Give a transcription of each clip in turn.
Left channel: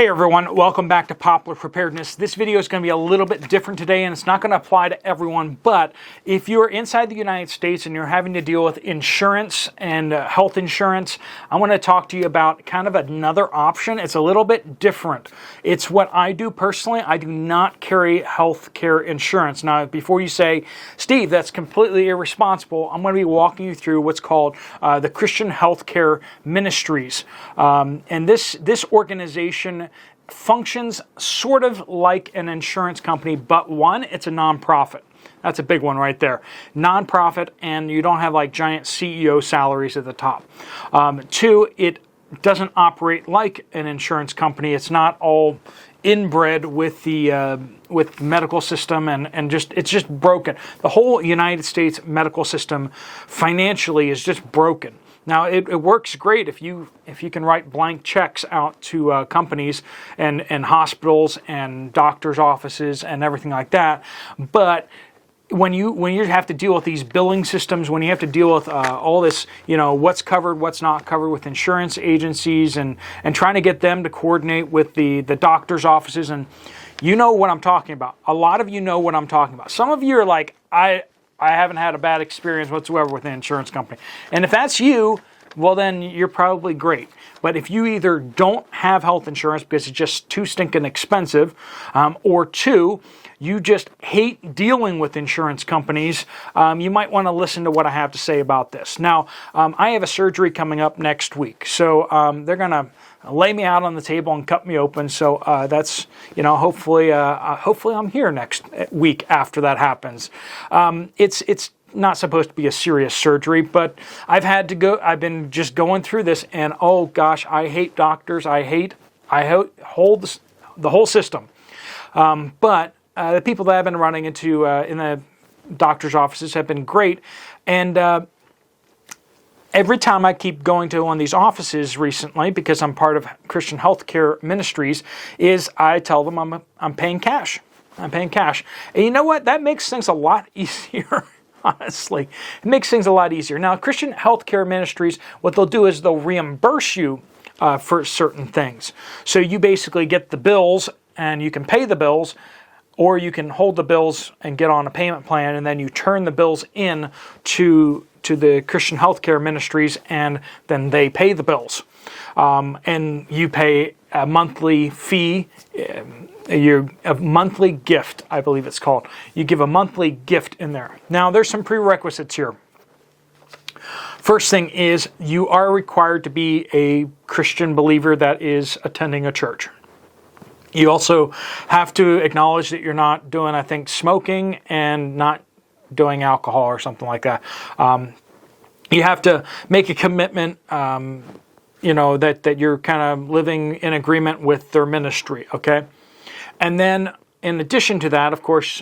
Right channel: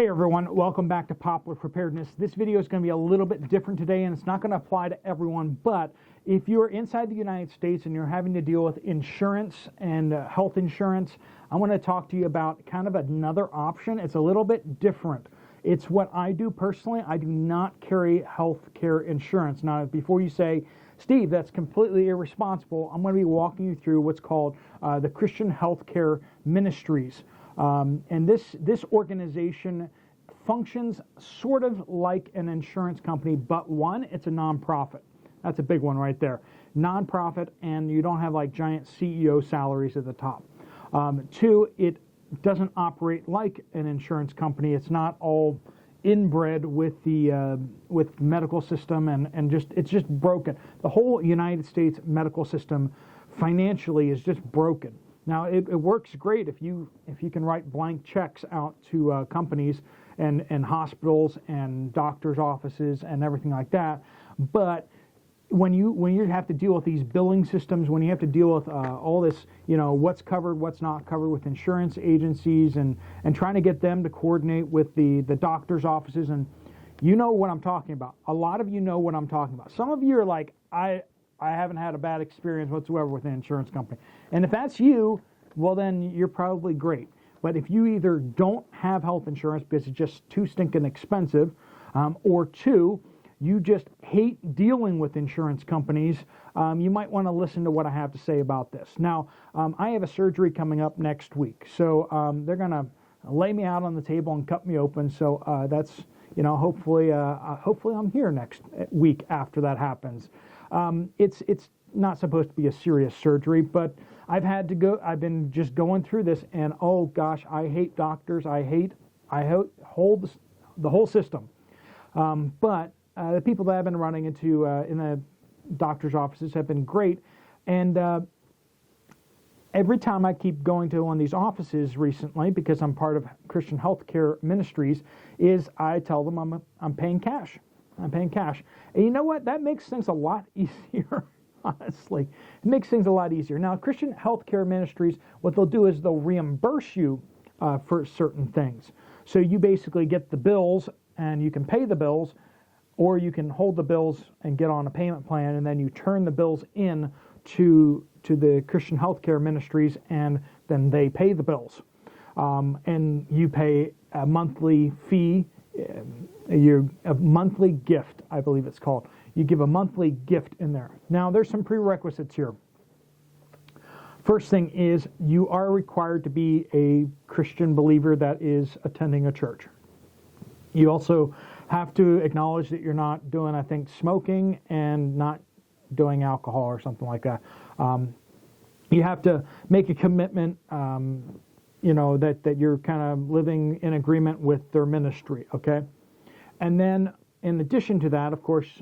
Hey everyone, welcome back to Poplar Preparedness. This video is going to be a little bit different today and it's not going to apply to everyone, but if you're inside the United States and you're having to deal with insurance and health insurance, I want to talk to you about kind of another option. It's a little bit different. It's what I do personally. I do not carry health care insurance. Now, before you say, Steve, that's completely irresponsible, I'm going to be walking you through what's called the Christian Healthcare Ministries. And this organization functions sort of like an insurance company, but one, it's a nonprofit. That's a big one right there. Nonprofit, and you don't have like giant CEO salaries at the top. Two, it doesn't operate like an insurance company. It's not all inbred with the medical system and it's just broken. The whole United States medical system financially is just broken. Now, it works great if you can write blank checks out to companies and hospitals and doctors' offices and everything like that. But when you have to deal with these billing systems, when you have to deal with all this, what's covered, what's not covered with insurance agencies and trying to get them to coordinate with the doctors' offices, and you know what I'm talking about. A lot of you know what I'm talking about. Some of you are like, I haven't had a bad experience whatsoever with an insurance company. And if that's you, well, then you're probably great. But if you either don't have health insurance because it's just too stinking expensive, or two, you just hate dealing with insurance companies, you might want to listen to what I have to say about this. Now, I have a surgery coming up next week. So they're going to lay me out on the table and cut me open. So that's, hopefully I'm here next week after that happens. It's not supposed to be a serious surgery, but I've been just going through this, and oh gosh, I hate doctors. I hold the whole system. But the people that I've been running into in the doctor's offices have been great. And every time I keep going to one of these offices recently, because I'm part of Christian Healthcare Ministries, is I tell them I'm paying cash. I'm paying cash. And you know what? That makes things a lot easier. Honestly, it makes things a lot easier. Now, Christian Healthcare Ministries, what they'll do is they'll reimburse you for certain things. So you basically get the bills and you can pay the bills, or you can hold the bills and get on a payment plan, and then you turn the bills in to the Christian Healthcare Ministries, and then they pay the bills. And you pay a monthly fee, a monthly gift, I believe it's called. You give a monthly gift in there. Now, there's some prerequisites here. First thing is you are required to be a Christian believer that is attending a church. You also have to acknowledge that you're not doing, I think, smoking and not doing alcohol or something like that. You have to make a commitment, that you're kind of living in agreement with their ministry, okay? And then, in addition to that, of course,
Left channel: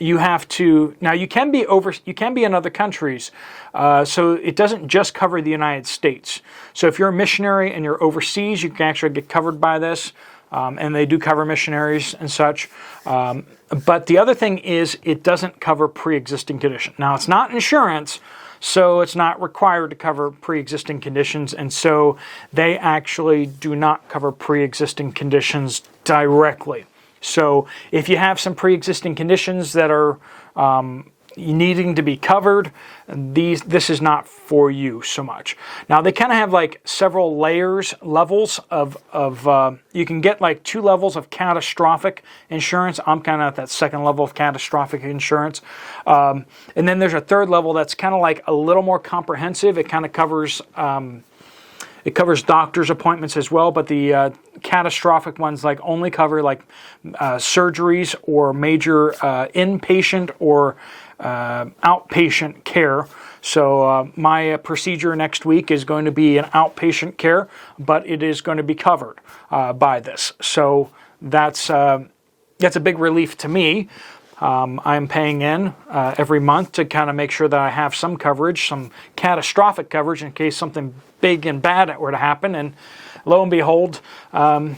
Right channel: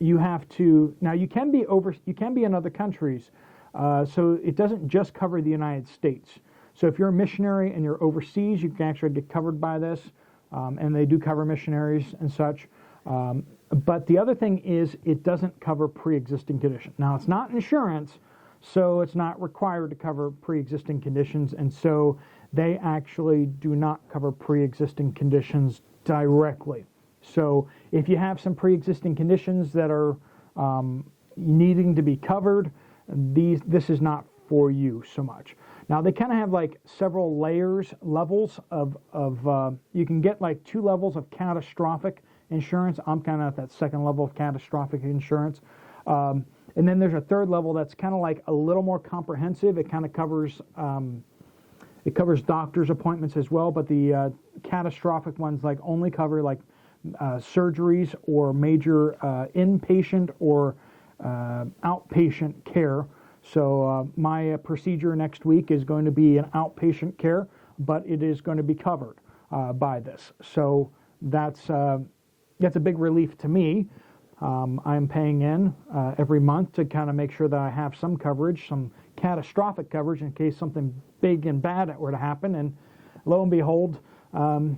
you have to. Now, you can be in other countries, so it doesn't just cover the United States. So, if you're a missionary and you're overseas, you can actually get covered by this. And they do cover missionaries and such. But the other thing is it doesn't cover pre-existing condition. Now, it's not insurance, so it's not required to cover pre-existing conditions. And so they actually do not cover pre-existing conditions directly. So if you have some pre-existing conditions that are needing to be covered, this is not for you so much. Now, they kind of have like several levels of you can get like 2 levels of catastrophic insurance. I'm kind of at that second level of catastrophic insurance. And then there's a third level that's kind of like a little more comprehensive. It kind of covers doctor's appointments as well, but the catastrophic ones like only cover like surgeries or major inpatient or outpatient care. So my procedure next week is going to be an outpatient care, but it is going to be covered by this. So that's a big relief to me. I'm paying in every month to kind of make sure that I have some coverage, some catastrophic coverage in case something big and bad were to happen. And lo and behold, I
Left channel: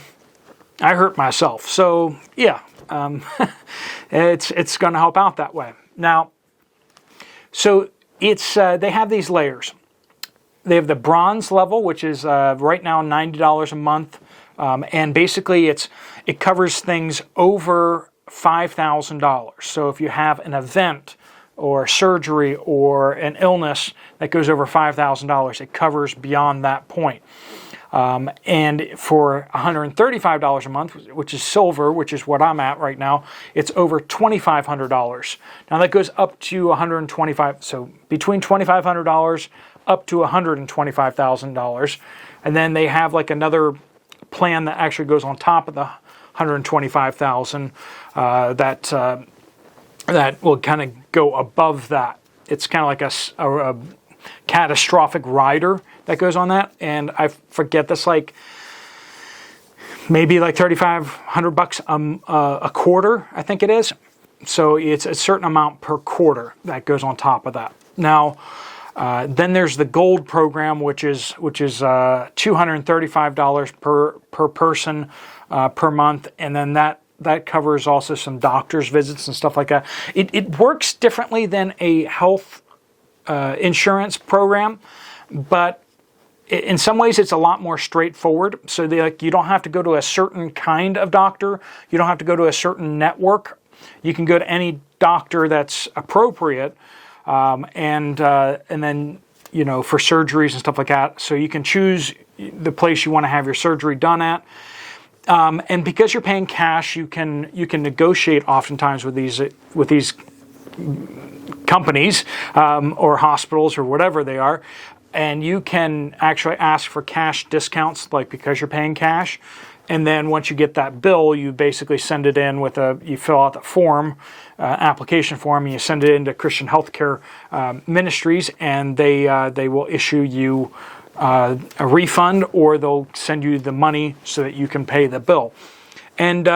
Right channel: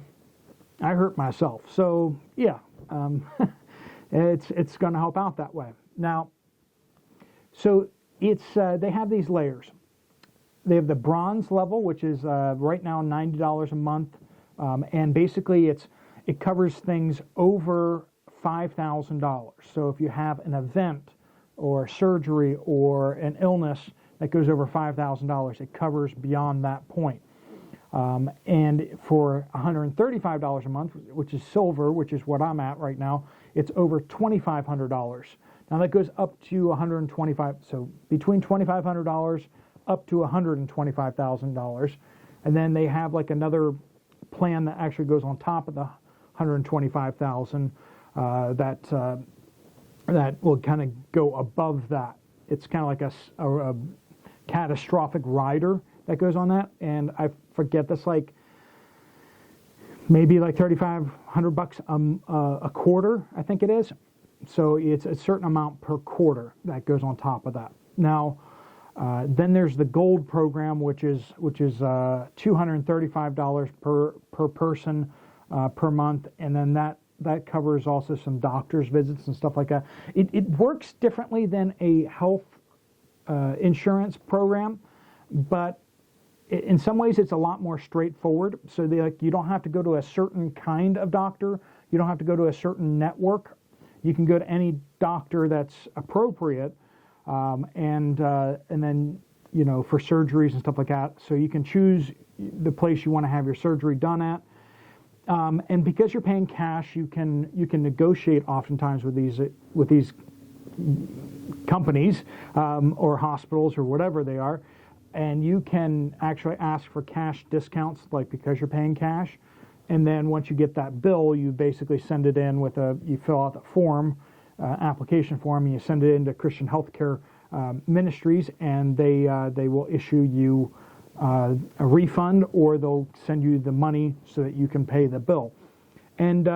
hurt myself. So yeah, it's going to help out that way. Now, so they have these layers. They have the bronze level, which is right now $90 a month And basically it covers things over $5,000. So if you have an event or surgery or an illness that goes over $5,000, it covers beyond that point. And for $135 a month, which is silver, which is what I'm at right now, it's over $2,500. Now that goes up to $125, so between $2,500 up to $125,000. And then they have like another plan that actually goes on top of the $125,000 that will kind of go above that. It's kind of like a catastrophic rider that goes on that, and I forget, that's like maybe like $3,500 a quarter, I think it is. So it's a certain amount per quarter that goes on top of that. Now, then there's the gold program, which is $235 per person per month, and then that covers also some doctor's visits and stuff like that. It works differently than a health insurance program, but in some ways it's a lot more straightforward. So you don't have to go to a certain kind of doctor. You don't have to go to a certain network. You can go to any doctor that's appropriate, and then for surgeries and stuff like that. So you can choose the place you want to have your surgery done at. And because you're paying cash, you can negotiate oftentimes with these companies or hospitals or whatever they are, and you can actually ask for cash discounts, like because you're paying cash. And then once you get that bill, you basically send it in you fill out the form, application form, and you send it into Christian Healthcare Ministries, and they will issue you a refund, or they'll send you the money so that you can pay the bill. And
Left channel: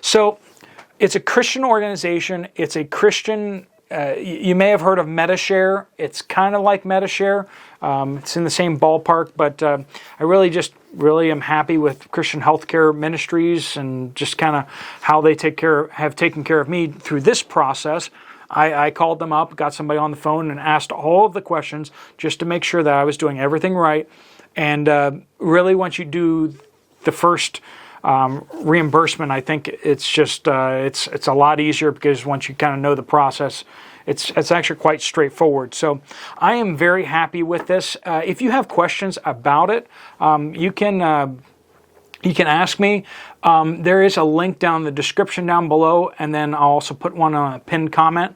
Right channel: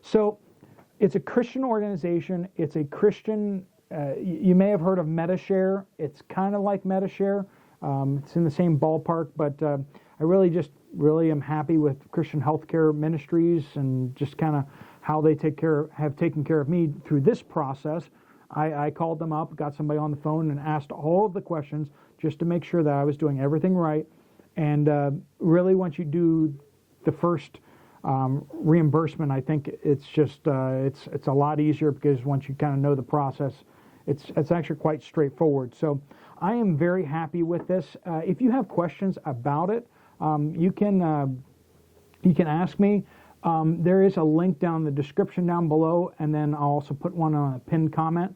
so it's a Christian organization. It's a Christian, you may have heard of MediShare. It's kind of like MediShare. It's in the same ballpark, but I really am happy with Christian Healthcare Ministries and just kind of how they have taken care of me through this process. I called them up, got somebody on the phone, and asked all of the questions just to make sure that I was doing everything right. And really, once you do the first reimbursement, I think it's just it's a lot easier, because once you kind of know the process, it's actually quite straightforward. So I am very happy with this. If you have questions about it, you can ask me. There is a link down in the description down below, and then I'll also put one on a pinned comment.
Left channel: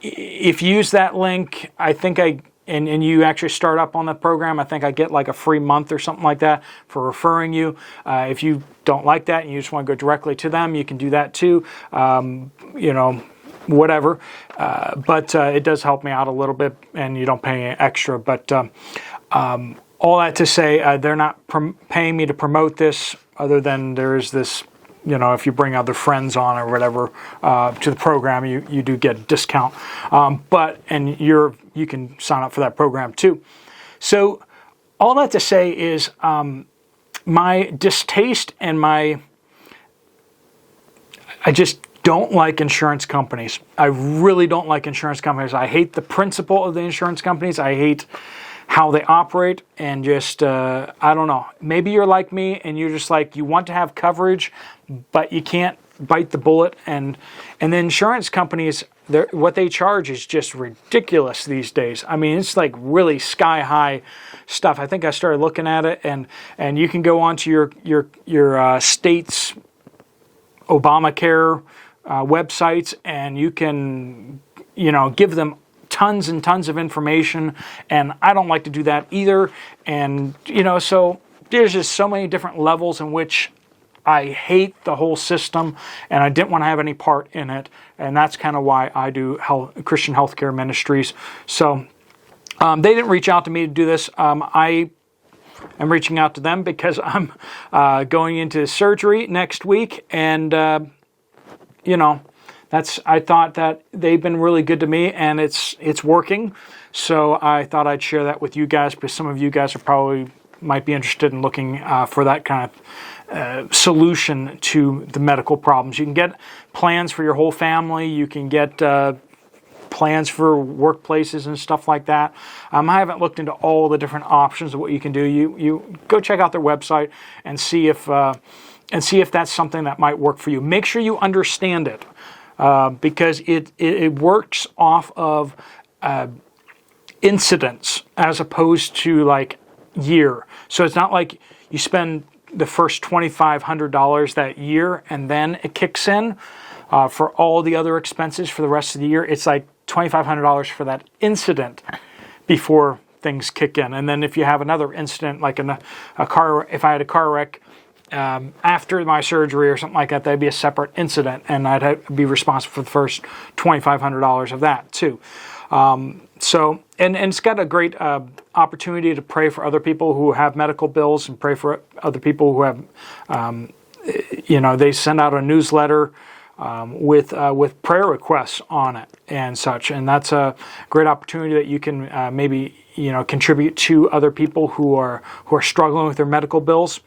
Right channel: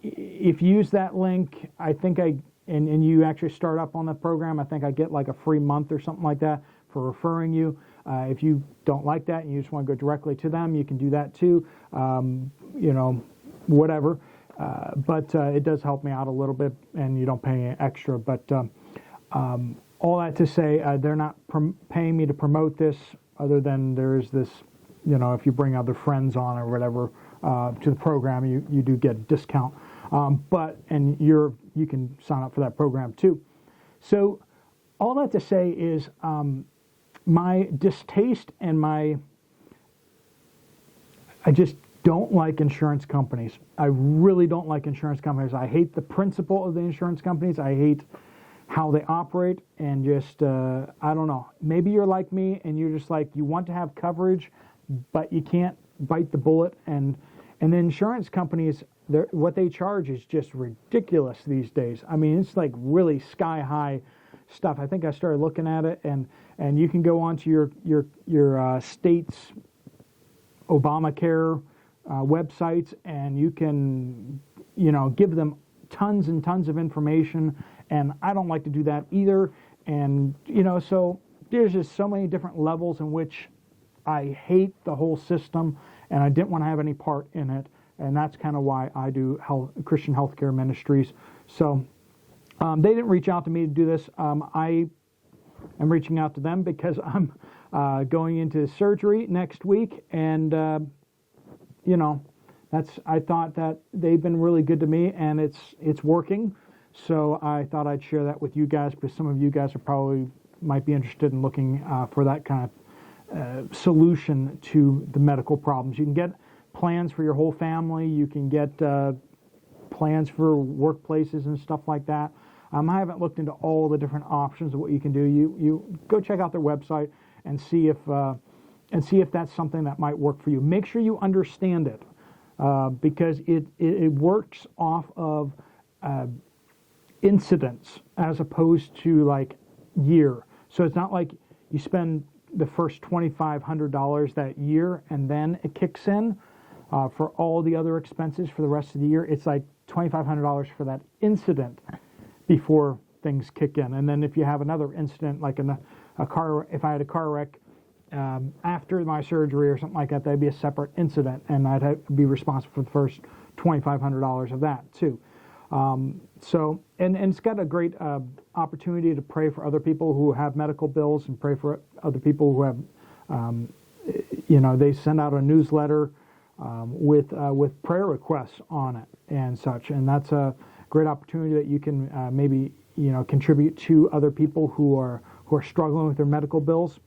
If you use that link, I think and you actually start up on the program, I think I get like a free month or something like that for referring you. If you don't like that and you just want to go directly to them, you can do that too. Whatever. But it does help me out a little bit, and you don't pay any extra. But all that to say, they're not paying me to promote this, other than there is this, if you bring other friends on or whatever to the program, you do get a discount. And you can sign up for that program too. So all that to say is my distaste and I just don't like insurance companies. I really don't like insurance companies. I hate the principle of the insurance companies. I hate how they operate, and just, I don't know. Maybe you're like me and you're just like, you want to have coverage, but you can't bite the bullet. And the insurance companies, what they charge is just ridiculous these days. I mean, it's like really sky high stuff. I think I started looking at it, and you can go onto your state's Obamacare websites, and you can, give them tons and tons of information, and I don't like to do that either. And, so there's just so many different levels in which I hate the whole system, and I didn't want to have any part in it. And that's kind of why I do Christian Healthcare Ministries. So they didn't reach out to me to do this. I am reaching out to them because I'm going into surgery next week, and I thought that they've been really good to me, and it's working. So I thought I'd share that with you guys, because some of you guys might be interested in looking for that kind of solution to the medical problems. You can get plans for your whole family. You can get plans for workplaces and stuff like that. I haven't looked into all the different options of what you can do. You go check out their website and see if that's something that might work for you. Make sure you understand it, because it works off of incidents as opposed to like year. So it's not like you spend the first $2,500 that year and then it kicks in for all the other expenses for the rest of the year. It's like $2,500 for that incident before things kick in. And then if you have another incident, like a car, if I had a car wreck after my surgery or something like that, that'd be a separate incident, and I'd have to be responsible for the first $2,500 of that too. So it's got a great opportunity to pray for other people who have medical bills, and pray for other people who have, they send out a newsletter with prayer requests on it and such, and that's a great opportunity that you can maybe contribute to other people who are struggling with their medical bills.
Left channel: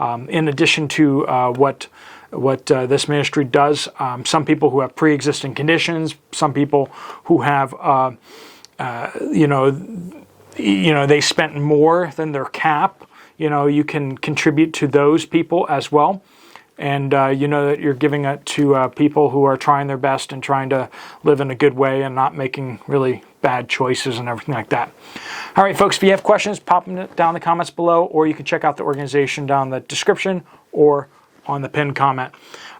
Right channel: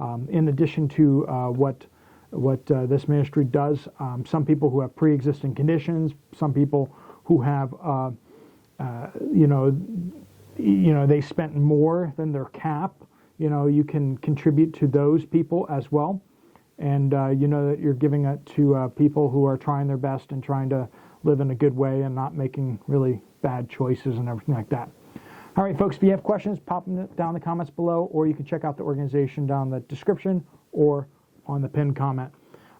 In addition to what this ministry does, some people who have pre-existing conditions, some people who have they spent more than their cap. You can contribute to those people as well. And that you're giving it to people who are trying their best and trying to live in a good way and not making really bad choices and everything like that. All right, folks, if you have questions, pop them down in the comments below, or you can check out the organization down in the description or on the pinned comment.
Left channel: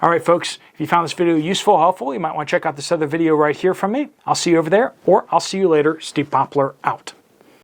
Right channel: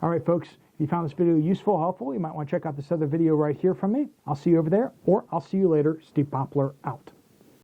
All right, folks, if you found this video useful, helpful, you might want to check out this other video right here from me. I'll see you over there, or I'll see you later. Steve Poplar out.